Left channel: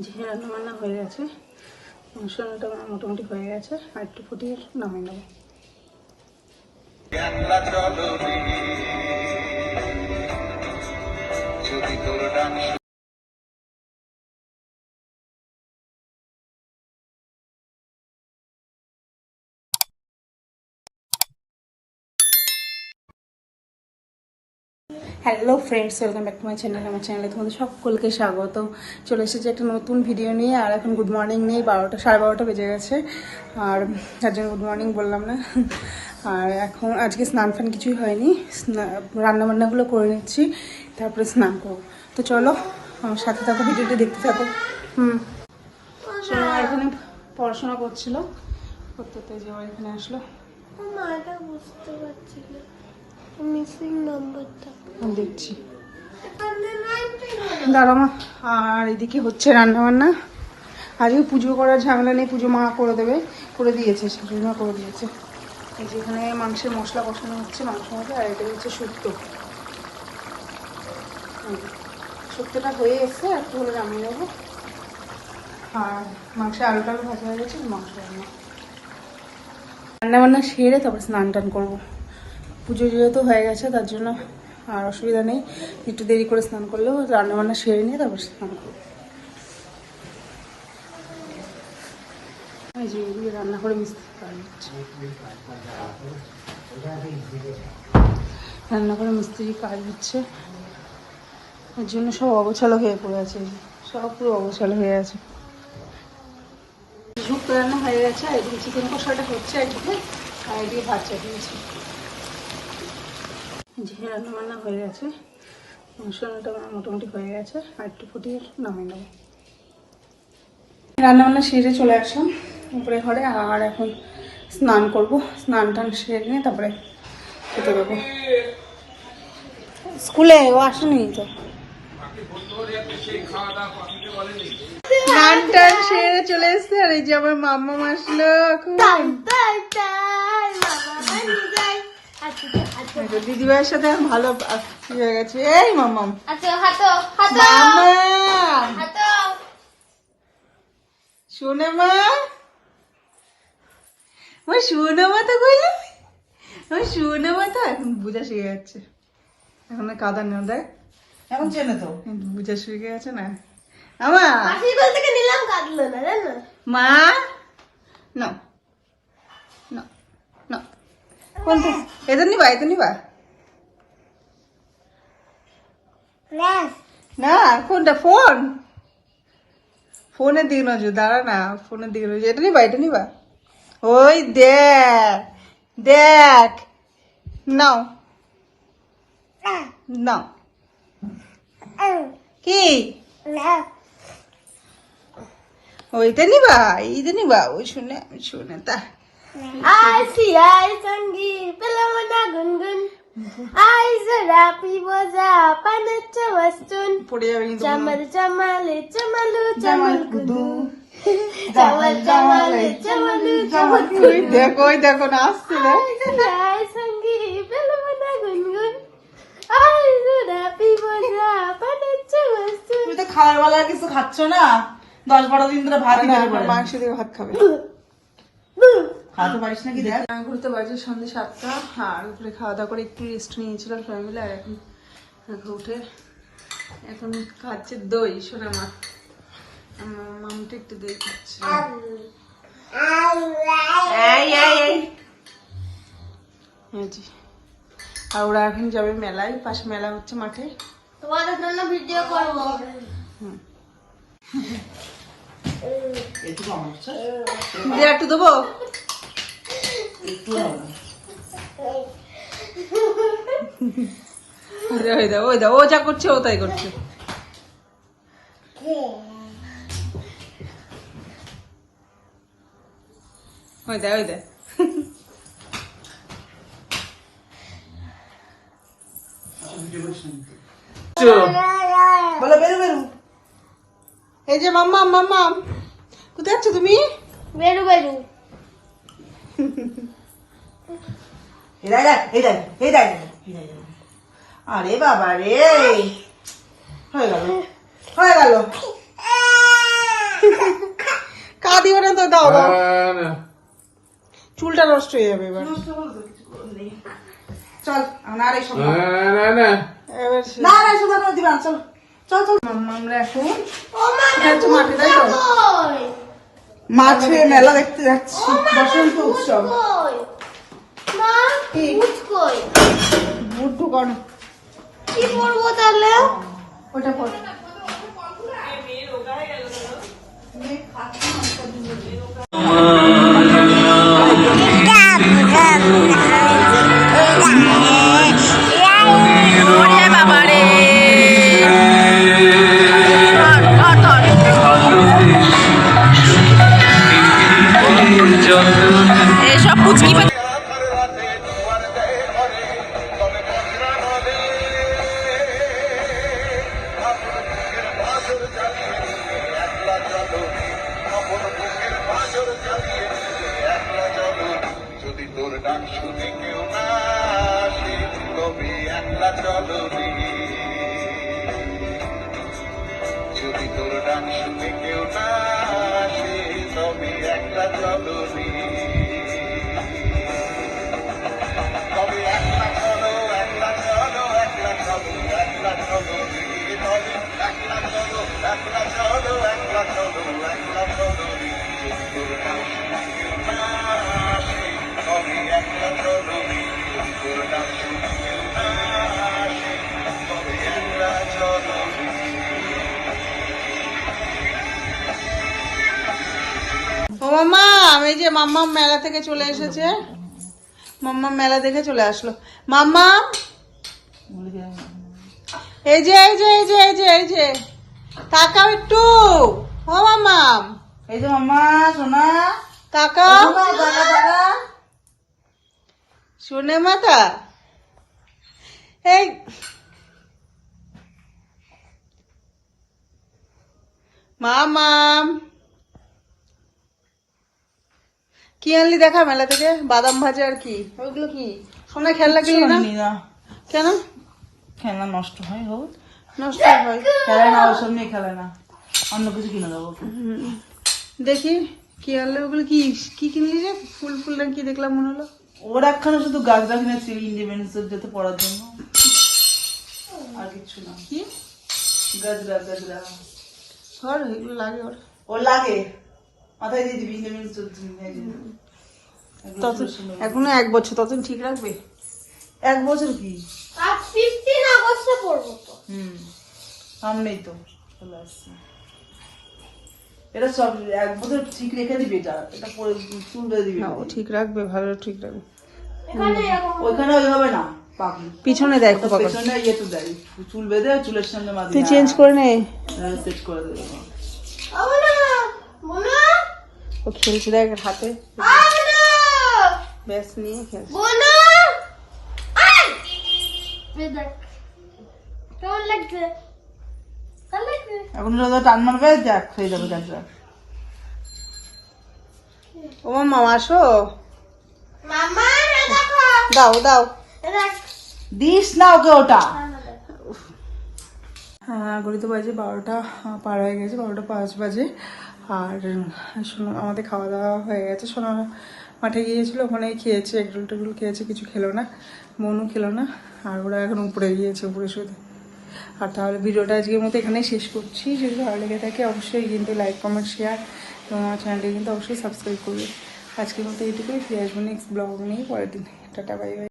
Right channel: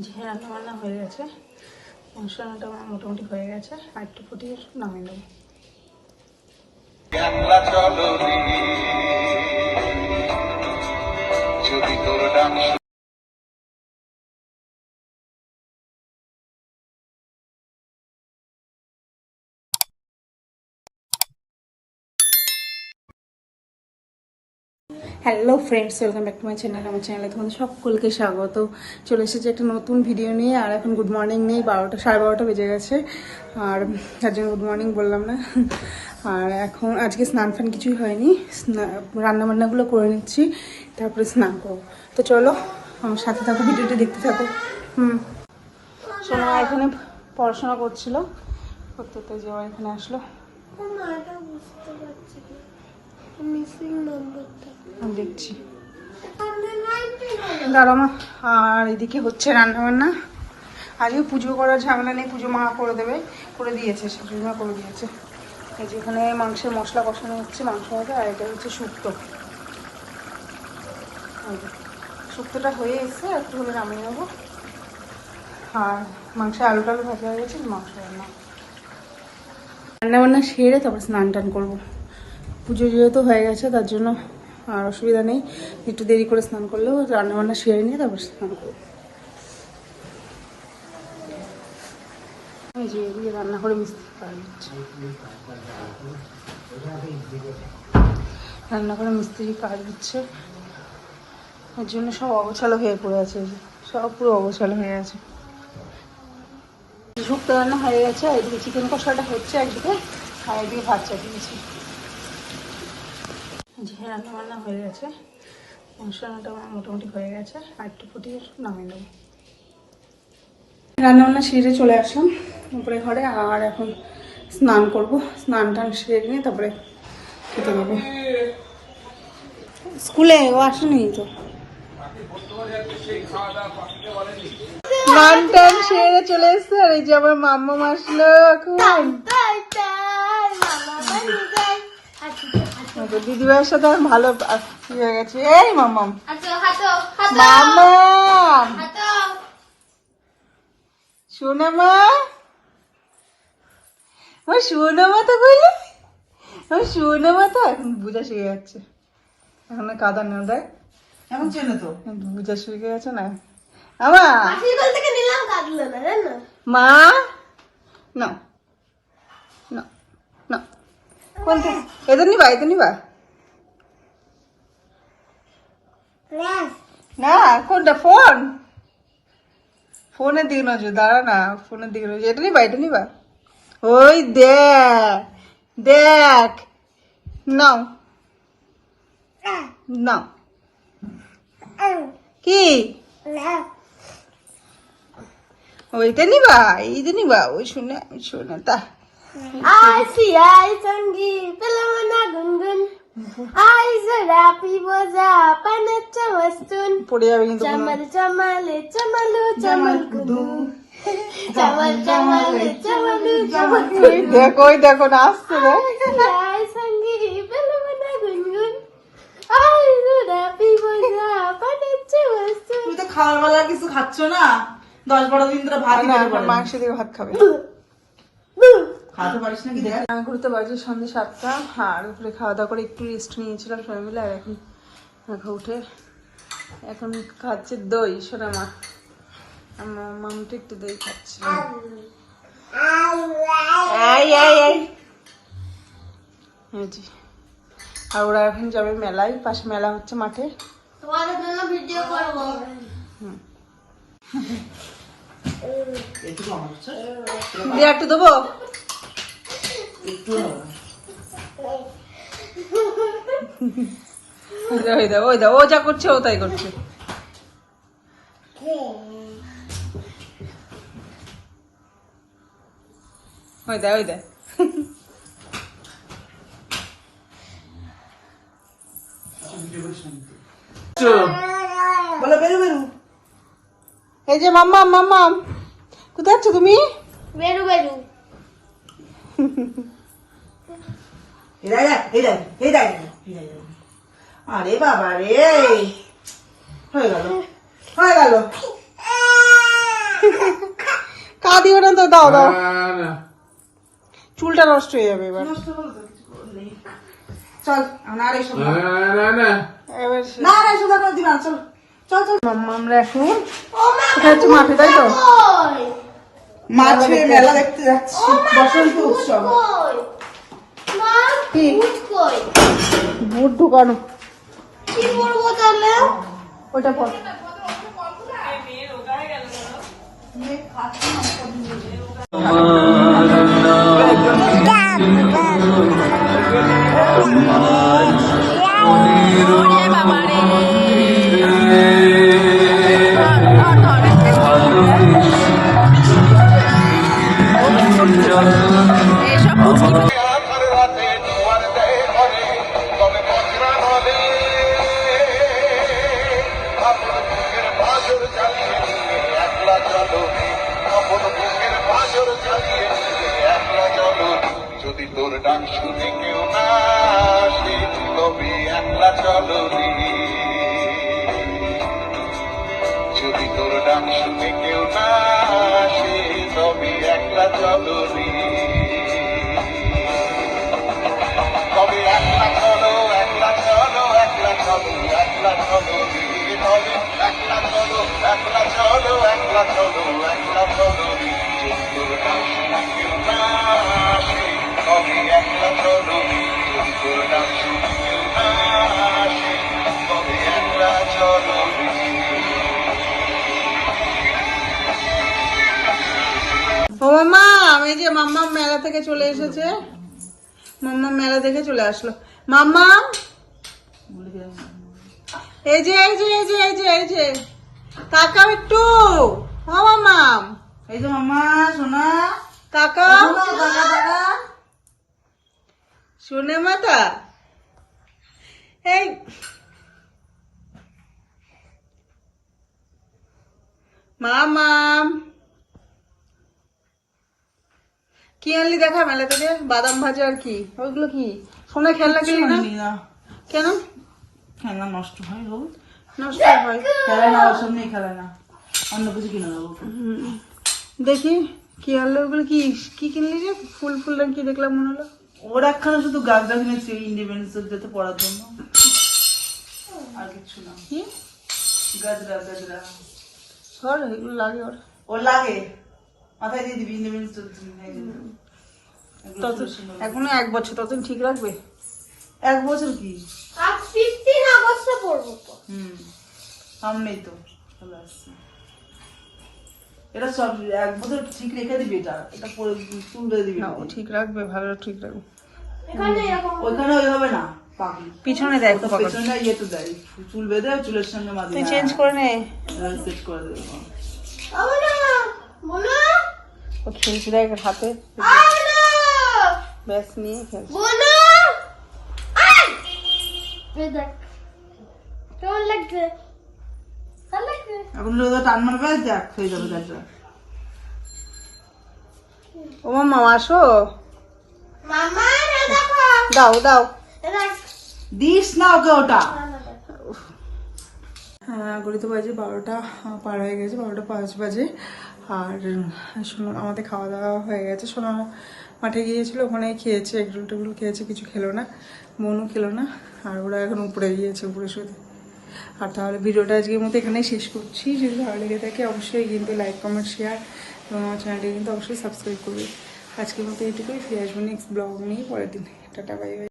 যে রান্নাবান্না হয়ে গেছে, মাংস রান্নাটা আমার মোটামুটি হয়ে গেছে, আর একটু ফুটিয়ে নামিয়ে নেব। Hello friends, welcome back to my channel. আমার চ্যানেলে তোমাদের সকলকে স্বাগত। চলে এসেছি একটা নতুন ভিডিও নিয়ে। আর এখন গুড মর্নিং নিয়ে 12টা বেজে গেছে, আর তার জন্য গুড মর্নিং বললাম না। আর এখন আজকে স্নান ফান কিছুই হয়নি, রান্নাবান্নাগুলো করে নিচ্ছি, তারপরে স্নান করবো। তো চলো আমার সাথে থাকো, ভিডিওটি দেখতে থাকো। শোনো, এখানে পড়াশোনা করছিল, করতে যাওয়া এখানে আসলো। বুঝতে পারছি না মিসিং নাম্বারটা দেখছি, দাঁড়ামা। আর এদিকে হচ্ছে রান্নাবান্না। আজকে পুজো করার ঝামেলা নেই, পুজো মা করে দেবে, করে দিয়েছে, শাশুড়িমা করে দিয়েছে। এই যে এখানে মাংসের মশলা কষানো হচ্ছে, মাংস মশলা। আর এটা হচ্ছে শুক্তো। শুক্তোটা হয়ে এসছে, একটু হলে নামিয়ে নেবো। আর মাংসে আলু টালু ভাজা হয়ে গেছে, মাংস রান্নাবান্না সেরে তারপর স্নান টান করবো। পুজো যেহেতু হয়ে গেছে তার জন্য আর অসুবিধা নেই, একটু দেরি করে স্নান করলেও রান্নাবান্না সেরে নিয়ে তারপর স্নান করবো। এই যে এদিকে রান্না করে মিস্ত্রি কাজ হচ্ছে, রান্না করে মিস্ত্রি কাজ হচ্ছে, এর জন্য সব অগোছালো হয়ে পড়ে আছে, সব পুরো অগোছালো হয়ে আছে। শুক্তো রান্না হয়ে গেছে, এদিকে চিকেন কষাটা হচ্ছে একদিকে, আর এদিকে ভাত চাপিয়েছি। যে রান্নাবান্না হয়ে গেছে, মাংস রান্নাটা আমার মোটামুটি হয়ে গেছে, আর একটু ফুটিয়ে নামিয়ে নেব। রান্নাবান্না সেরে চলে আসলাম উপরে ঘরে, আর এখন স্নান করব। স্নান টান সেরে নিয়ে তারপরে খেতে দেবো। স্কুলে ও আসেনি তো, স্নান টান সেরে চলে এসছে। আর এই যে আমার মাম্মা আসলো এখন, দিদিভাইয়ের সাথে ভালো হয়ে গেছে। এই মাম্মাম, মাম্মাম শোনা মা, ওই শোনা মা তো কইলে, ওই শোনা মা তো এখন বুঝা শিখে যাচ্ছে। এখন কাদা নেও দেয়, এখন চেনে তো বুঝা শিখে গেছে না আমার মা। না না না, কোনটা এদের নিবা, এদের নিবা না, কোনটা? ফোন, ফোনের দিকে নজর, দাঁড়া না, ফোনের দিকে নজর। এটা নিবা, এটা নিবা। ওই দেখ দেখ, নাও নাও। কি ওইটা নিবা, এইটা নিবা? ওই শুনে শুনে তা পড়ে যাবে কিন্তু। দেখো, ওই দেখো না আসছে না। তুমি তো খাওয়ার বেলা কিছু খাচ্ছ না, 10-12 দিন ধরে ভাত মাংস দিয়ে ভাত খাবে, খাওয়াতে পারিস নাকি? আমি ঘুরতে বাড়ি সন্ধ্যে 7টা, আর উপরে খাওয়া দাওয়া করে একটু রেস্ট নিয়েছিলাম সবাই মিলে। আর এখন উঠে এখন খাচ্ছে দই। শোনা মা, আমার মামটা একটু দই খাচ্ছে। আর ওরা এখন যাবে মেলায়, পাশে মেলা হচ্ছে মাঠে। দিয়ে একটু দেবো, ওই দা ও যা করছে ও তাই করছে। ওই দা, ওই দা বলো বেরু বেরু। এই যে মাম্মা, মাম্মা কোথায় আছো তুমি? বেরু বেরু আরে বাবা রে, হয়ে গেল হয়ে গেল। দিবে না তো, দাও দাও, চুলটা নষ্ট হয়ে যাবে এবার। চল না রে শোনা, এবার না রে শোনা করে দিবা, চল চল চল। আমরা এখন ও মা কই? মাছে মেলা দেখতে যাচ্ছি, বসন্ত উৎসব। কই? মা কি? ভূত কই? বুট ঢুকানো, কি করবো তাহলে? ওইটা কর। এইসব পুচকি যদি তোর ডাক শুনে কেউ না আসে তবে একলা চলো রে। যদি তোর ডাক শুনে কেউ না আসে তবে একলা চলো রে। তবে একলা চলো, একলা চলো, একলা চলো, একলা চলো রে। তবে একলা চলো, একলা চলো, একলা চলো, একলা চলো রে। যদি তোর ডাক শুনে কেউ না আসে তবে একলা চলো রে। যদি তোর ডাক শুনে কেউ না আসে তবে একলা চলো রে। ও মাম্মা, এই যে মাম্মা মেলা থেকে চলে এসেছে, মাম্মা মেলা থেকে চলে আসলো। মাম্মা এই যে এই যে এই যে এই যে এই যে তাকাও একটু। ও মাম্মা এই যে মাম্মা সোনা, তাকাও, টাকা টাকা। শুনে মাতা এই মামাম কি আনলি দেখা মেলা থেকে? বাদাম ভাজা আর কি, ওইগুলো কি? সোনা খেলনা কিনলি না না কেন? খেলনা নষ্ট হয় গো, নষ্ট হয়। খেলে না, ওইসব নিয়ে খেলে না, অন্য কিছু কিনে দেবো। দেখি কি আনলে ওগুলো, কি কি কিনলি রে? ফুল ফুল রঙ কি দেখলাম মনে হলো। ওরা একখানে শুধু গাছটা কিনেছি ইন্ডিপেন্ডেন্স ডে পড়ার জন্য, আর কিছু না। কি গাজরা গাজরা ধর, এগুলো লাগে ওর। ও লাগে মাথায় দিয়ে দিবি ইন্ডিপেন্ডেন্স ডে। তত এখনো 1 বছর, ততদিন ঠিক রাখবে। 1 বছর কি? আজ 15 আগস্টে পড়বো তো। সামনেই তো চলে আসছে। এটা সব 1 বছর ঠিক রেখে দিবি, এটা এটা পরে চুল বেঁধে দিবি। না, ও ঠিক রাখবে, ভালো ঠিক রাখবে। এখানে এরকম ওইখানে ওইভাবে না পাবি, পিছনে দেয় খুব আবার। পেছনে ইয়ে তো দেয়, চুল বেঁধে চুলের সঙ্গে মাঝে তুই চেঞ্জ করে নে। সেট করে দেবে। আমনা বোনা ও খেলছে দেখ হাতে, আমনা ব্যাস নিয়ে খেলছে। বোনা আই এই দেখ কেমন লাগছে? ভালো লাগছে? এখন যদি টান মারবে দেখ হয়ে যাবে গাছটা। ও মামা আসো, মামা না দেখো দাও দাও। দেখ দিস না ওকে ওটা। হ্যাঁ, গলিতে বাজে 12টা পার হয়ে গেছে, 12টা 5 বাজে। আর সোনা আমাদের খাওয়া দাওয়া হয়ে গেছে। সোনা মাঠে গিয়েছিল, ওখানে খেয়েছে, এগরোল টেগরোল খেয়েছে, কিছু খেলো না, মনও খেলো না। আর ওরা এখন উপরে গিয়েছে, উপরে শুতে। আর তাহলে ভিডিওটা আজকের মতো এখানেই শেষ করছি। যদি ভালো লেগে থাকে অবশ্যই কিন্তু লাইক কমেন্ট শেয়ার এবং আমার চ্যানেলটি কিন্তু অবশ্যই সাবস্ক্রাইব করবে। আজকের মতো এইটুকুই, ফিরে আসবো নেক্সট ব্লগ নিয়ে পরের দিন। Tata, bye bye.